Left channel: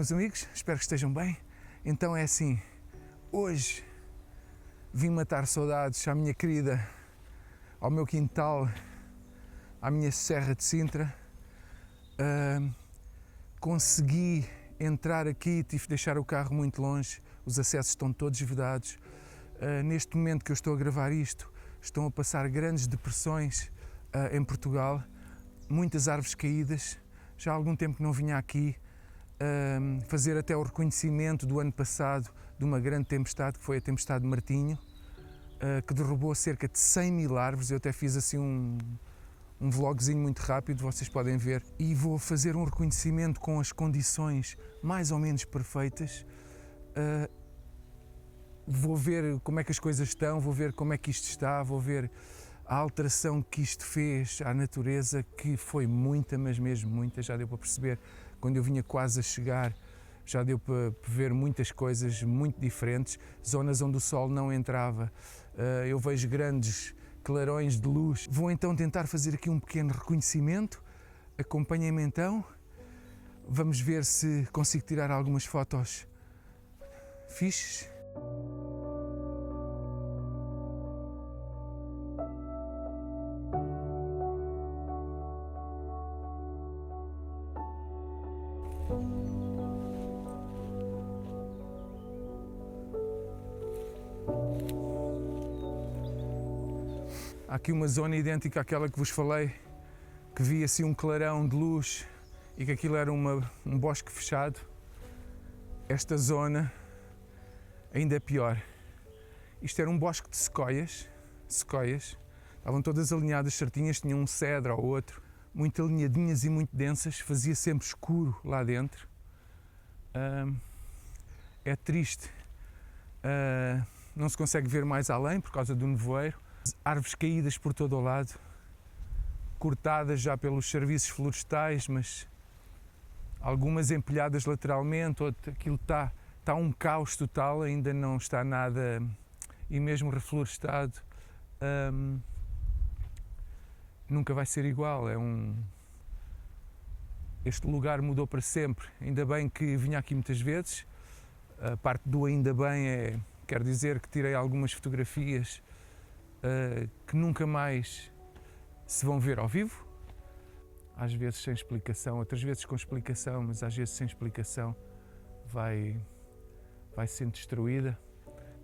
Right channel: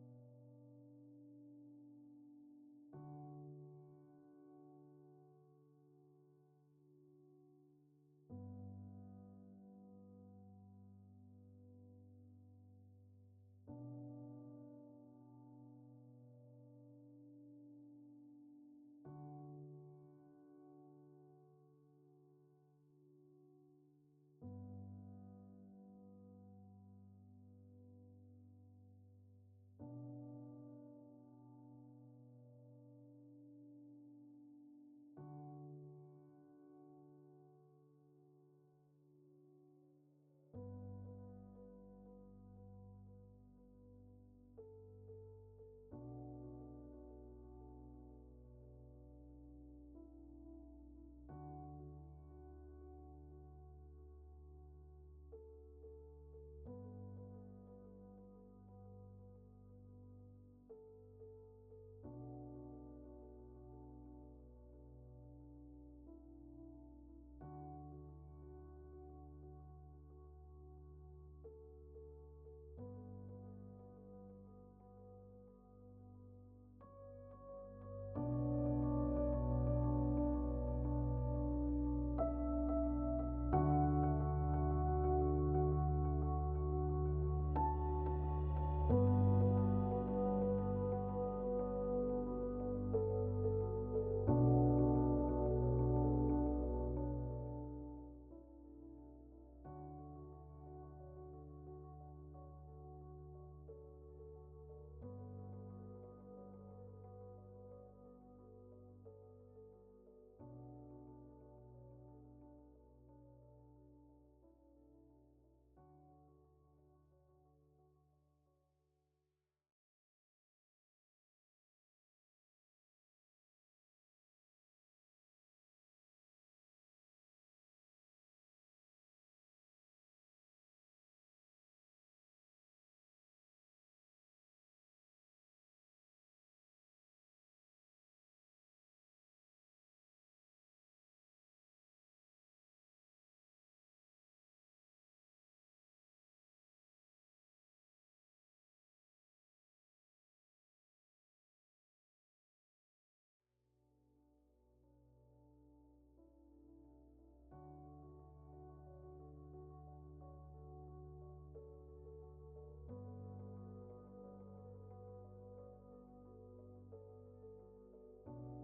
meus amigos, espero que estejam bem. Então é assim, hoje vim matar saudades à minha querida, ao meu quintal, à minha Serra de Sintra. Consegui entrar aqui, tive de deixar o carro muito longe, os acessos estão todos vedados. Neste momento que eu estou a gravar isto, estão a passar grandes depressões em Portugal, muitas árvores caídas. Já há algum tempo que não vinha aqui fazer até o reconhecimento do ano passado de uma grande tempestade, que foi a tempestade de Martinho, que derrubou cerca de 100 mil árvores. Eu até fiz assim um vlogzinho muito rápido, vocês podem ver, e vou fazer um reconhecimento com as condições mais ou menos perfeitas. Vou ver como é que as coisas estão, vou ver como é que isto está, vou ver a alteração que isto fez à natureza, que foi muita, mas mesmo muita. Já deu para perceber, quando eu vinha quase a chegar, já deu para ver muitas coisas muito diferentes, zonas onde o sol não entrava. Eu vejo grandes clarões de luz. Vou então tentar fazer aqui um pequeno reconhecimento. Acompanhem-me então. Vamos ver se consigo tirar algumas fotos fixes. Há aqui uma zona idêntica àquela que vos falei, que vi assim um clarão de luz e que aquilo era um bosque fechado. Esta zona ainda é pior. Isto era um bosque de sequoias, estavam todas alinhadas certinhas, tinham um cedro ou outro, muito alinhadinhas e muito densas, fazia sempre escuro lá dentro. É triste, não se consegue ver mais além por causa do nevoeiro. Árvores caídas por todo o lado, cortadas já pelos serviços florestais, mas algumas empilhadas lateralmente, aquilo está um caos total, ainda não está nada, e mesmo reflorestado, nunca vai ser igual. Este lugar mudou para sempre. Ainda bem que vinha aqui muitas vezes. A parte do ainda bem quer dizer que tirei algumas fotografias que nunca mais se vão ver ao vivo, às vezes sem explicação, outras vezes com explicação, mas às vezes sem explicação vai sendo destruída.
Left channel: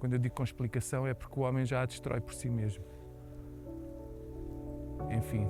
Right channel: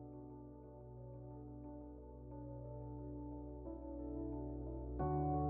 Quando eu digo com explicação é porque o homem já a destrói por si mesmo. Enfim.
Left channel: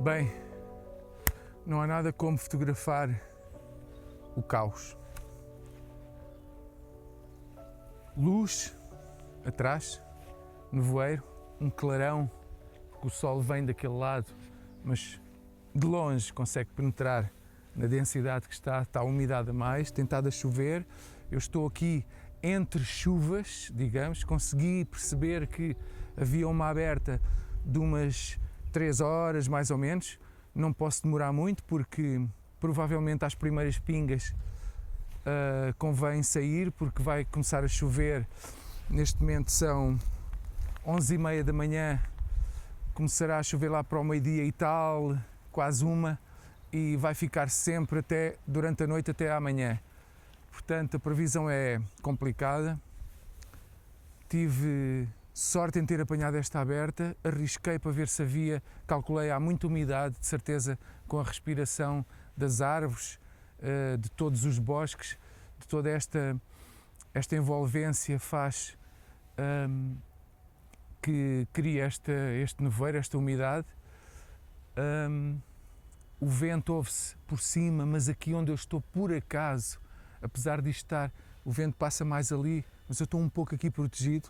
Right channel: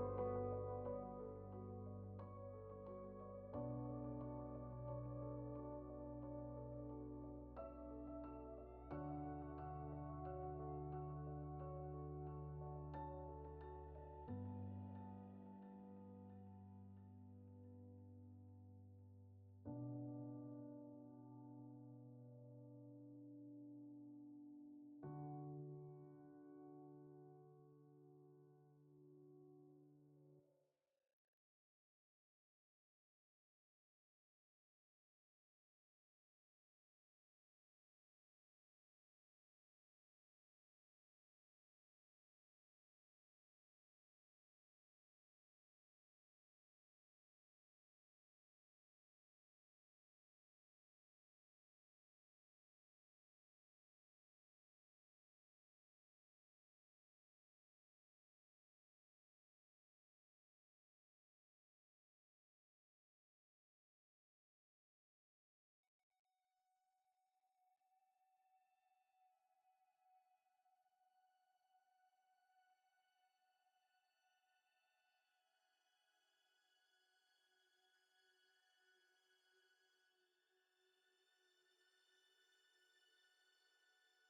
Bem, não há nada como fotografar o caos. Luz atrás, nevoeiro, um clarão, porque o sol vem daquele lado, mas de longe consegue penetrar na densidade que está a umidade a mais, tem estado a chover. Eu estou aqui entre chuvas, digamos, consegui perceber que havia uma aberta de umas 3 horas, mais ou menos. Não posso demorar muito porque provavelmente às primeiras pingas convém sair, porque vai começar a chover. Neste momento são 11h30 da manhã, começará a chover lá para o meio-dia e tal, quase 1, e vai ficar sempre durante a noite até amanhã. Portanto, a previsão é complicada. tive sorte em ter apanhado esta aberta, arrisquei para ver se havia, calculei, há muita umidade, de certeza, com a respiração das árvores, de todos os bosques, de toda esta envolvência faz que cria este nevoeiro, esta umidade. O vento ouve-se por cima, mas aqui onde eu estou, por acaso, apesar de estar, o vento passa mais ali, mas eu estou um pouco aqui protegido,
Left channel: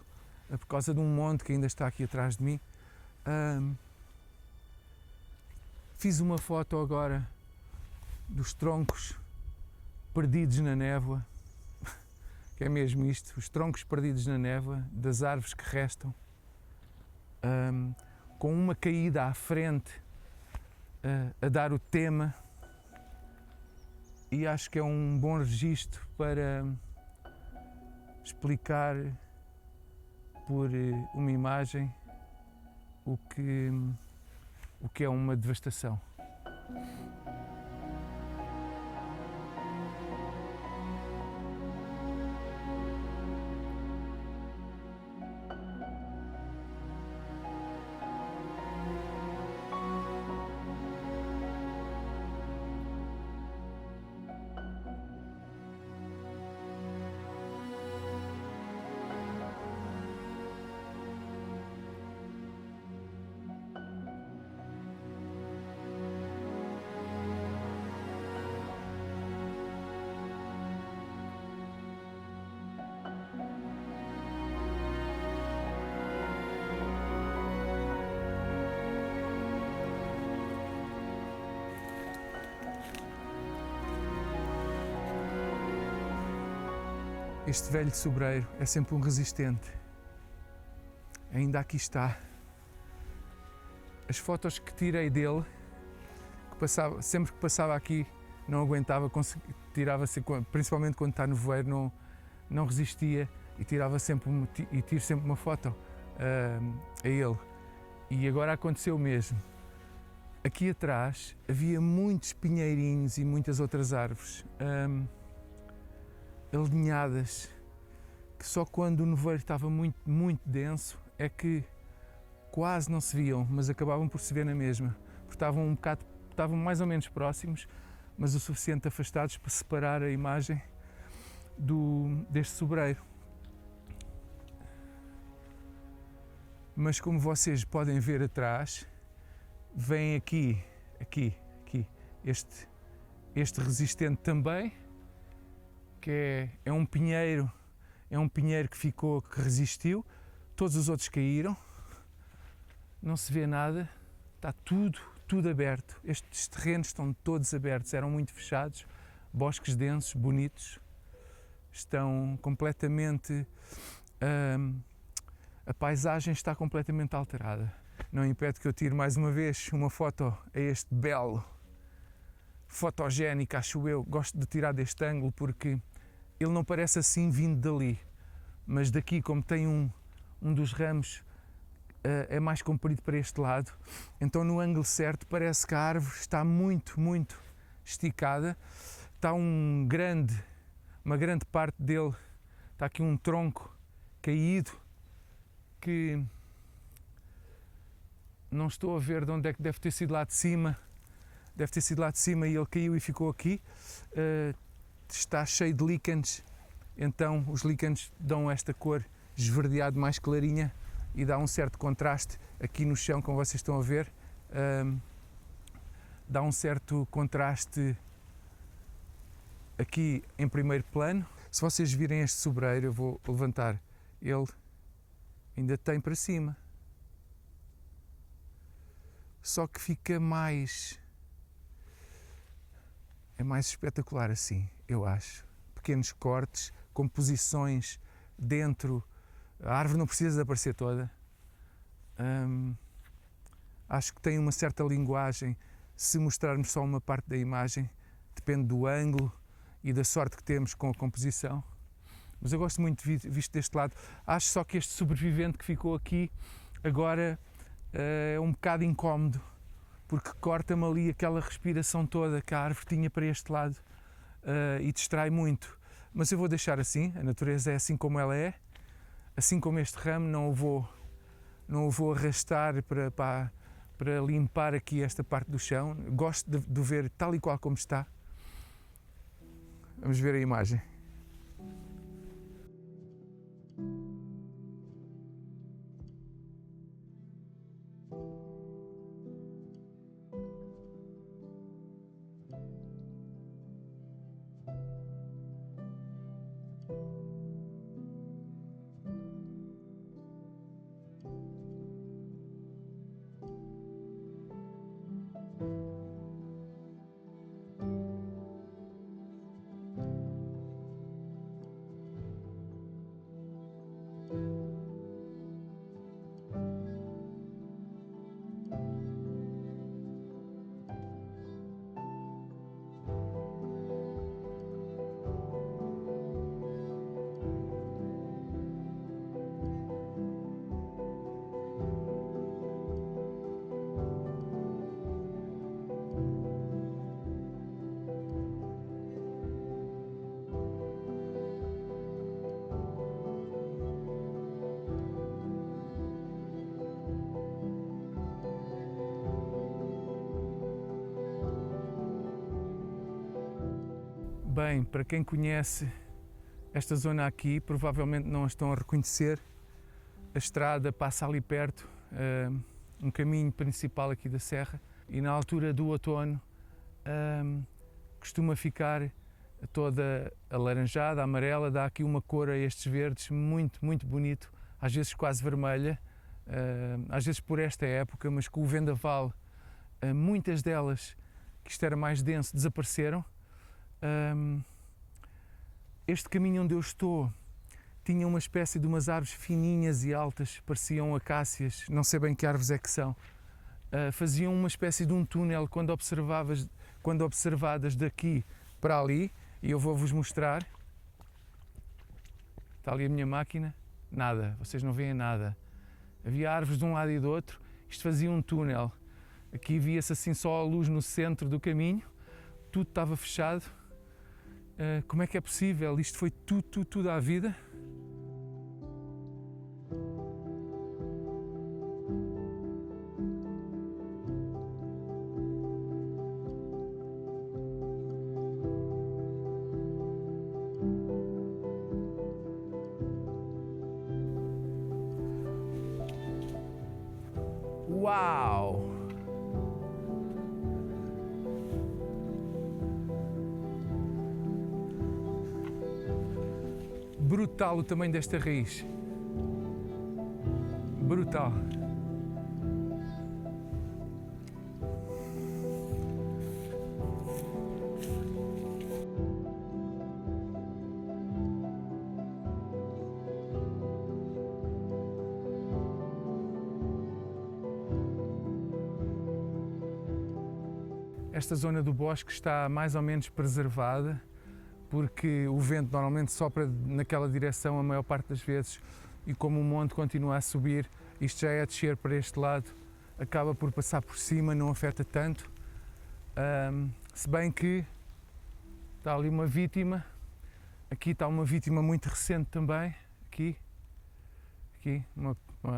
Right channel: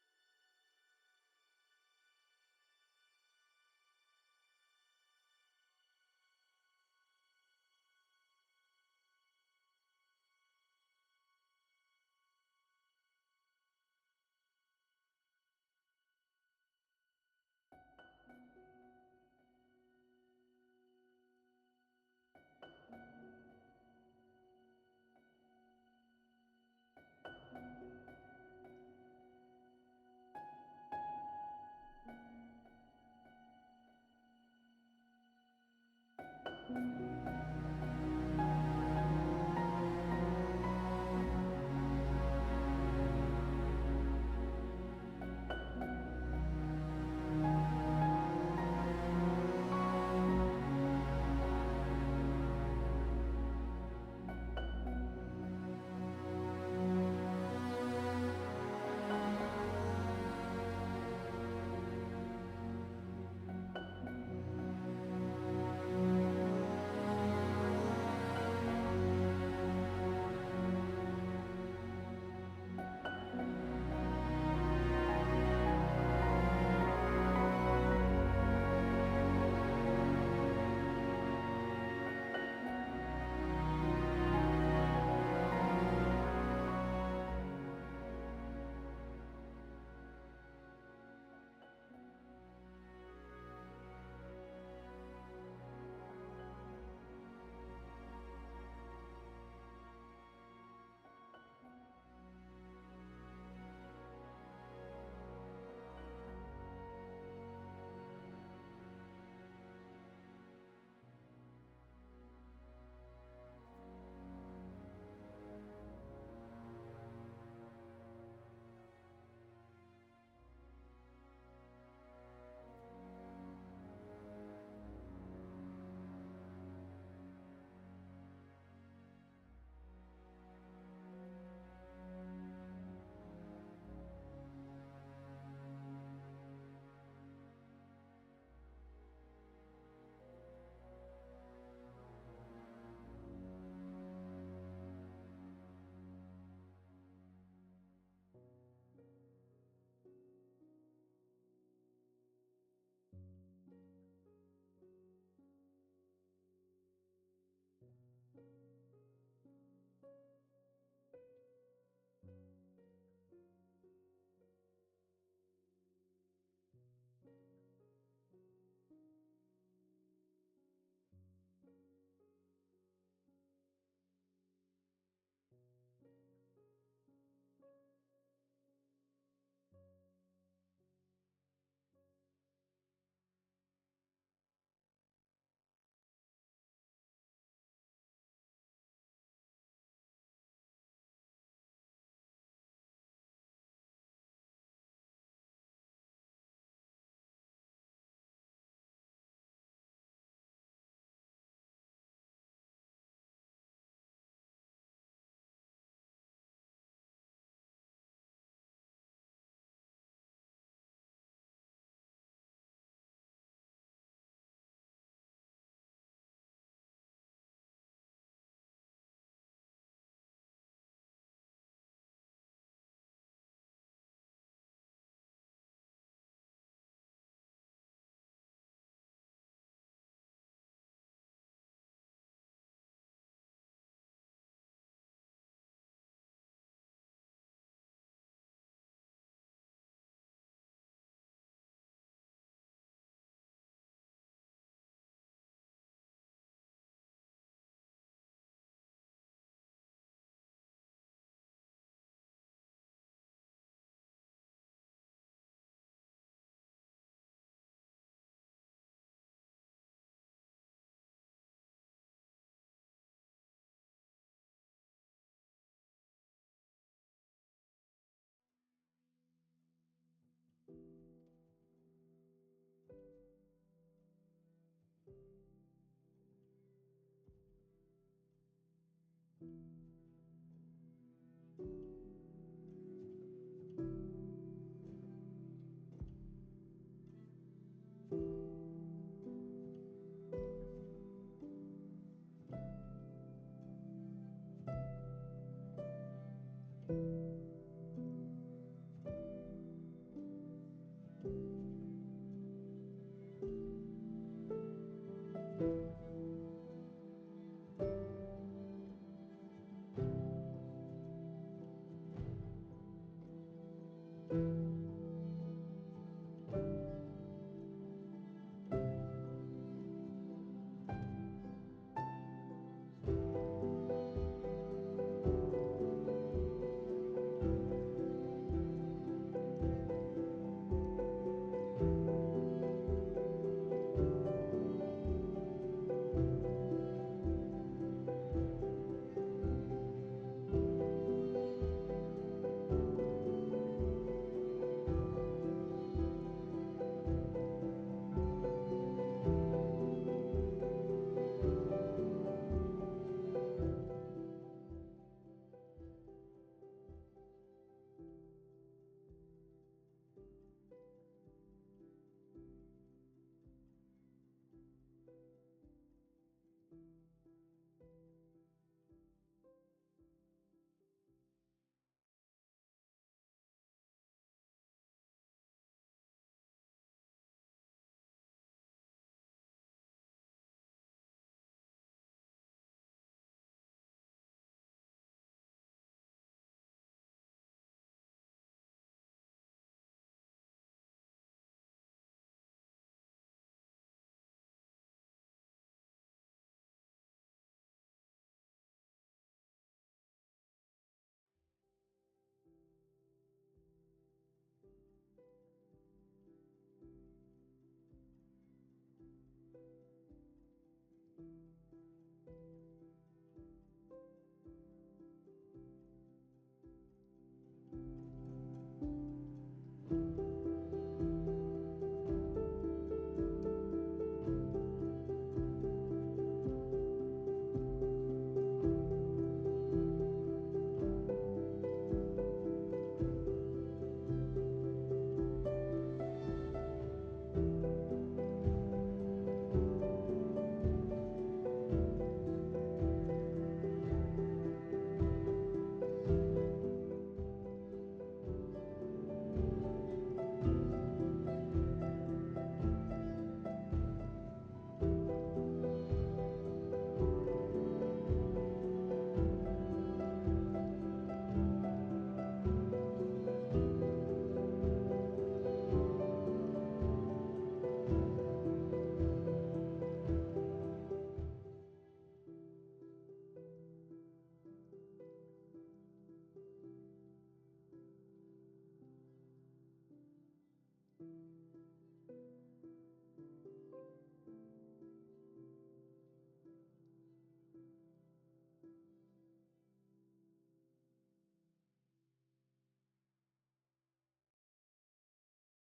por causa de um monte que ainda está aqui atrás de mim. Fiz uma foto agora dos troncos perdidos na névoa, que é mesmo isto, os troncos perdidos na névoa, das árvores que restam, com uma caída à frente, a dar o tema, e acho que é um bom registro para explicar por uma imagem o que é uma devastação. Este velho sobreiro é sempre um resistente. Ainda aqui está. As fotos que tirei dele, sempre que passava aqui, não aguentava, tirava-se, principalmente quando está no voeiro, não resistia e tiro sempre uma foto a ele. E agora aconteceu o mesmo. Aqui atrás havia muitos pinheirinhos e muitas outras árvores alinhadas, que só quando o nevoeiro estava muito, muito denso é que quase não se viam, mas acabavam por se ver na mesma, porque estavam mais ou menos próximos, mas o suficiente afastados para separar a imagem deste sobreiro. Mas como vocês podem ver atrás, vem aqui este resistente também, que é um pinheiro que resistiu, todos os outros caíram, não se vê nada, está tudo aberto, estes terrenos estão todos abertos, eram muito fechados, bosques densos, bonitos, estão completamente, a paisagem está completamente alterada. Não impede que eu tire mais uma vez uma foto a este belo, fotogénico, acho eu, gosto de tirar deste ângulo porque ele não parece assim vindo dali, mas daqui, como tem um dos ramos é mais comprido para este lado, então no ângulo certo parece que a árvore está muito, muito esticada, está uma grande parte dele, está aqui um tronco caído que não estou a ver de onde é que deve ter sido lá de cima, e ele caiu e ficou aqui. Está cheio de líquenes, então os líquenes dão esta cor esverdeado mais clarinha e dá um certo contraste aqui no chão, como vocês estão a ver, dá um certo contraste aqui em primeiro plano. Se vocês virem este sobreiro, eu vou levantar, ele ainda tem para cima, só que fica mais espetacular assim, eu acho. Pequenos cortes, composições dentro, a árvore não precisa de aparecer toda. Acho que tem uma certa linguagem, se mostrarmos só uma parte da imagem, depende do ângulo e da sorte que temos com a composição. Mas eu gosto muito visto deste lado. Acho só que este sobrevivente que ficou aqui agora é um bocado incómodo, porque corta-me ali aquela respiração toda que a árvore tinha para este lado e distrai muito. Mas eu vou deixar assim, a natureza é assim como ela é. assim como este ramo, não o vou arrastar para limpar aqui esta parte do chão. Gosto de o ver tal e qual como está. Vamos ver a imagem. Bem, para quem conhece esta zona aqui, provavelmente não a estão a reconhecer. A estrada passa ali perto, um caminho principal aqui da serra, e na altura do outono costuma ficar toda alaranjada, amarela, dá aqui uma cor a estes verdes muito, muito bonito, às vezes quase vermelha, às vezes por esta época, mas com o vendaval, muitas delas, que isto era mais denso, desapareceram. Este caminho onde eu estou tinha uma espécie de umas árvores fininhas e altas, pareciam acácias, não sei bem que árvores é que são. Faziam uma espécie de um túnel quando observadas daqui para ali, e eu vou-vos mostrar. Está ali a minha máquina, nada, vocês não veem nada. Havia árvores de um lado e do outro, isto fazia um túnel. Aqui via-se assim só a luz no centro do caminho, tudo estava fechado. Como é que é possível? Isto foi tudo à vida? Uau! Brutal o tamanho desta raiz. Brutal. Esta zona do bosque está mais ou menos preservada, porque o vento normalmente sopra naquela direção a maior parte das vezes, e como o monte continua a subir, isto já é a descer para este lado, acaba por passar por cima, não afeta tanto. Se bem que está ali uma vítima, aqui está uma vítima muito recente também, aqui uma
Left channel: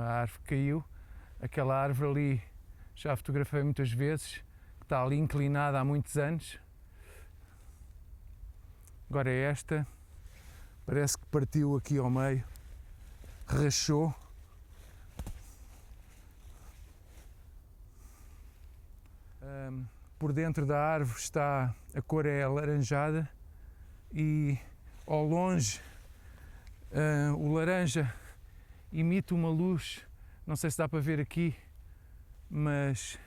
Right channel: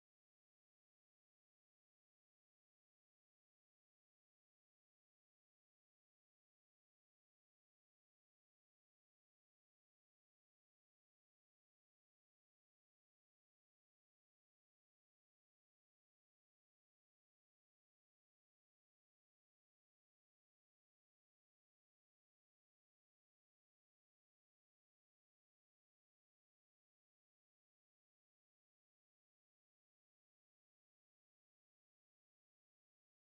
árvore caiu, aquela árvore ali já a fotografei muitas vezes, está ali inclinada há muitos anos. Agora esta, parece que partiu aqui ao meio, rachou. Por dentro da árvore está, a cor é alaranjada, e ao longe o laranja emite uma luz, não sei se dá para ver aqui, mas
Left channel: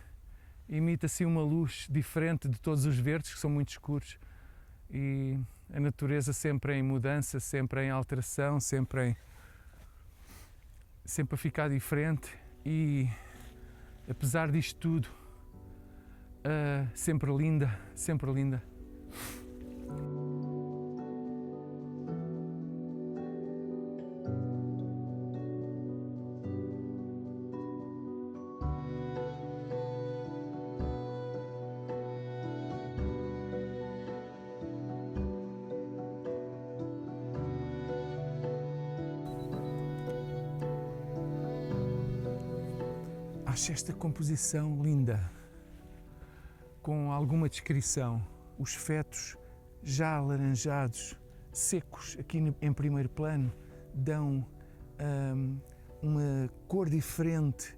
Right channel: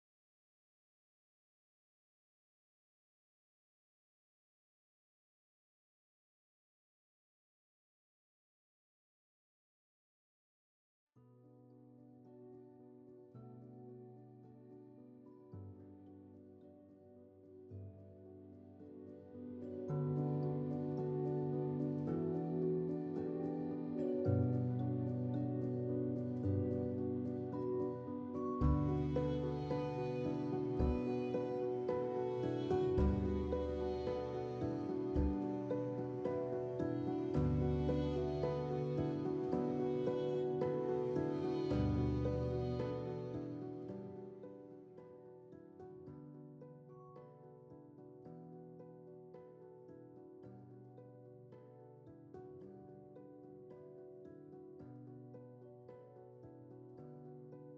emite assim uma luz diferente de todos os verdes, que são muito escuros, e a natureza sempre em mudança, sempre em alteração, sempre a ficar diferente, e apesar disto tudo, sempre linda, sempre linda. Acho esta composição linda, com alguma descrição. Os fetos já alaranjados, secos, aqui em primeiro plano, dão uma cor diferente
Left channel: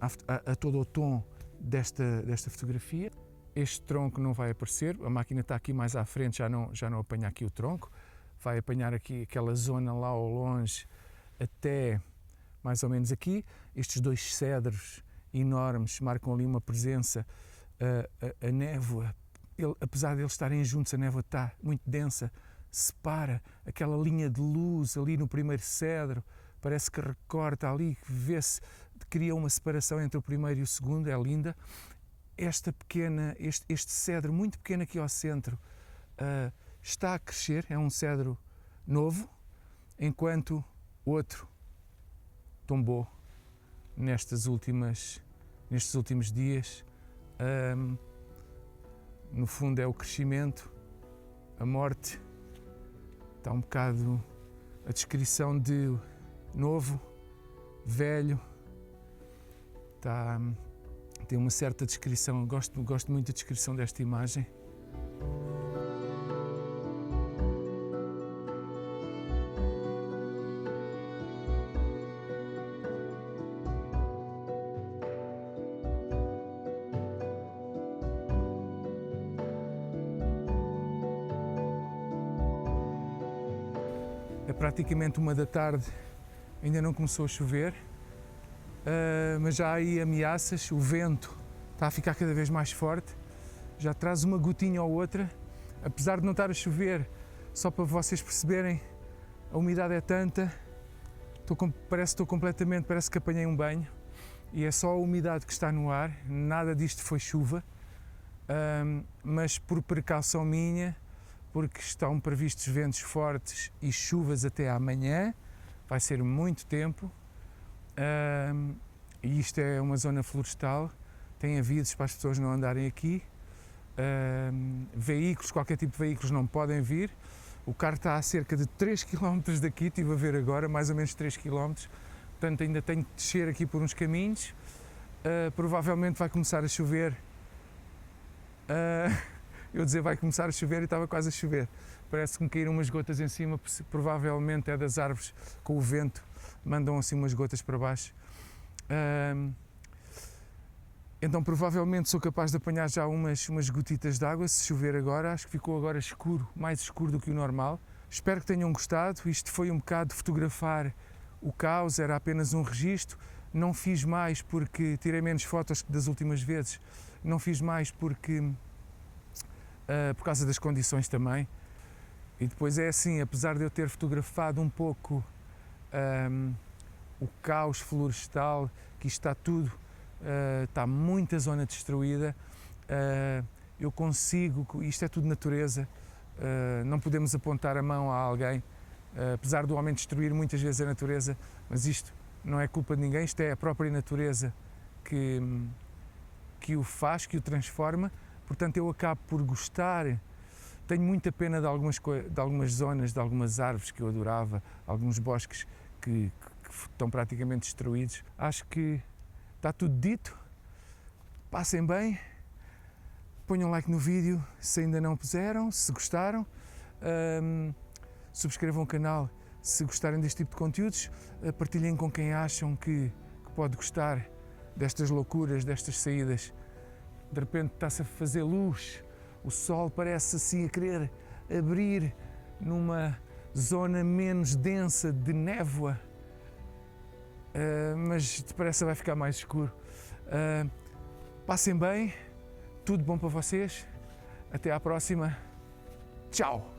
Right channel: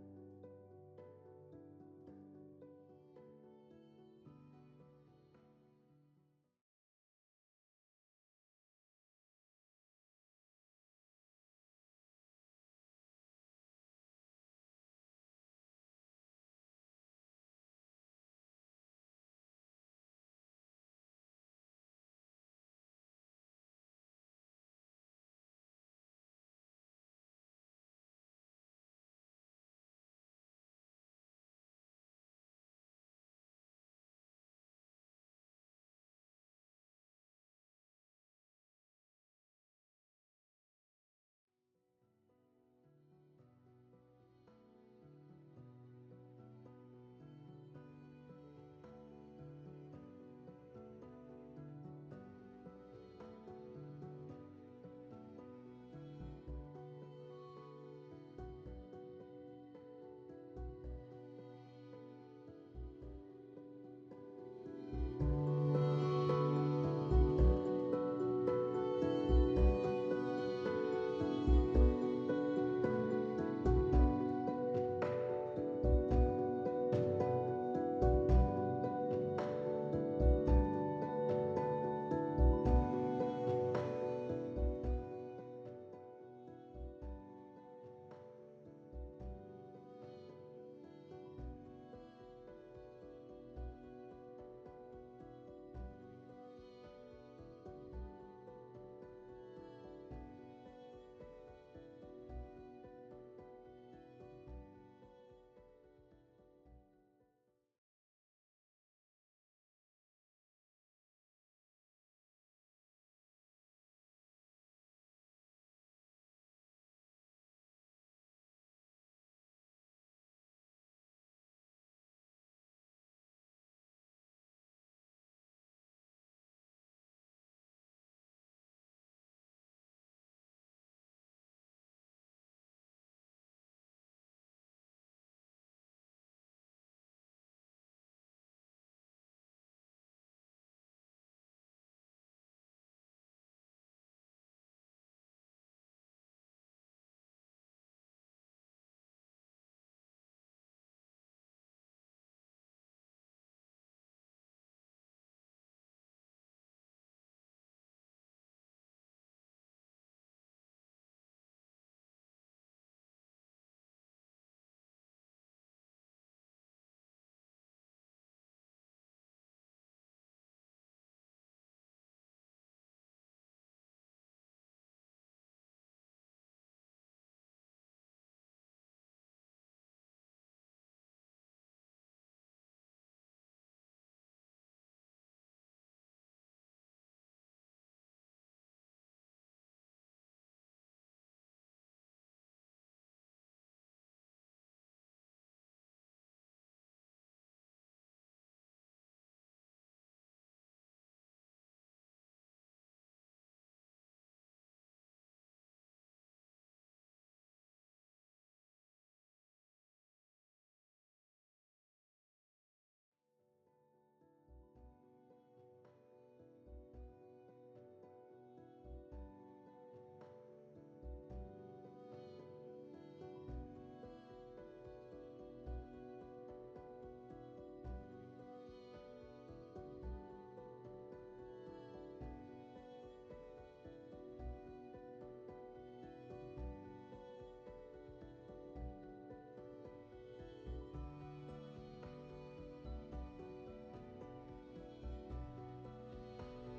a todo o tom desta fotografia. Este tronco não vai aparecer, a máquina está aqui mais à frente, já não apanha aqui o tronco, vai apanhar aqui aquela zona lá ao longe até mais ou menos aqui. Estes dois cedros enormes marcam ali uma presença. A névoa, apesar de eles estarem juntos, a névoa está muito densa, separa aquela linha de luz ali no primeiro cedro, parece que recorta ali, vê-se, cria uma separação entre o primeiro e o segundo, é linda. Este cedro muito pequeno aqui ao centro está a crescer, é um cedro novo, enquanto outro tombou nestes últimos dias. No fundo é o crescimento, a morte, está um bocado a descrição de novo, velho, tem uma certa descrição, gosto muito da descrição desta imagem. É praticamente 1 da tarde, ainda não começou a chover, mas já há aí ameaças, o vento está a ficar cada vez mais forte, já traz uma gotinha ou outra, apesar de não estar a chover, só para vocês perceberem, a umidade é tanta, parece que apanhei um banho, e é só a umidade que está no ar, nada disto foi chuva, mas por precaução minha, porque estão previstos ventos fortes e chuvas até amanhã, vai ser muito tempo, e isto é uma zona florestal, tem avisos para as pessoas não andarem aqui, veículos, qualquer tipo de veículos não podem vir, o carro está a cerca de 3 km daqui, estive a ver agora, mais ou menos 3 km, portanto ainda tenho de descer aqui por uns caminhos, provavelmente vai começar a chover. Eu dizer vai começar a chover e estava quase a chover. Parece que me caíram umas gotas em cima, provavelmente é das árvores com o vento, mandam assim umas gotas para baixo. Então provavelmente sou capaz de apanhar já umas gotitas de água, se chover agora. Acho que ficou agora escuro, mais escuro do que o normal. Espero que tenham gostado. Isto foi um bocado de fotografar o caos, era apenas um registro. Não fiz mais porque tirei menos fotos que das últimas vezes. Não fiz mais porque por causa das condições também. E depois é assim, apesar de eu ter fotografado um pouco o caos florestal, que isto está tudo, está muita zona destruída, eu consigo, isto é tudo natureza, não podemos apontar a mão a alguém, apesar do homem destruir muitas vezes a natureza, mas isto não é culpa de ninguém, isto é a própria natureza que o faz, que o transforma. Portanto, eu acabo por gostar, tenho muita pena de algumas zonas, de algumas árvores que eu adorava, alguns bosques que estão praticamente destruídos. Acho que está tudo dito, passem bem, ponham like no vídeo se ainda não puseram, se gostaram, subscrevam o canal se gostarem deste tipo de conteúdos, partilhem com quem acham que pode gostar destas loucuras, destas saídas. De repente está-se a fazer luz, o sol parece assim a querer abrir numa zona menos densa de névoa, mas depressa vai ficar mais escuro. Passem bem, tudo bom para vocês, até à próxima, tchau!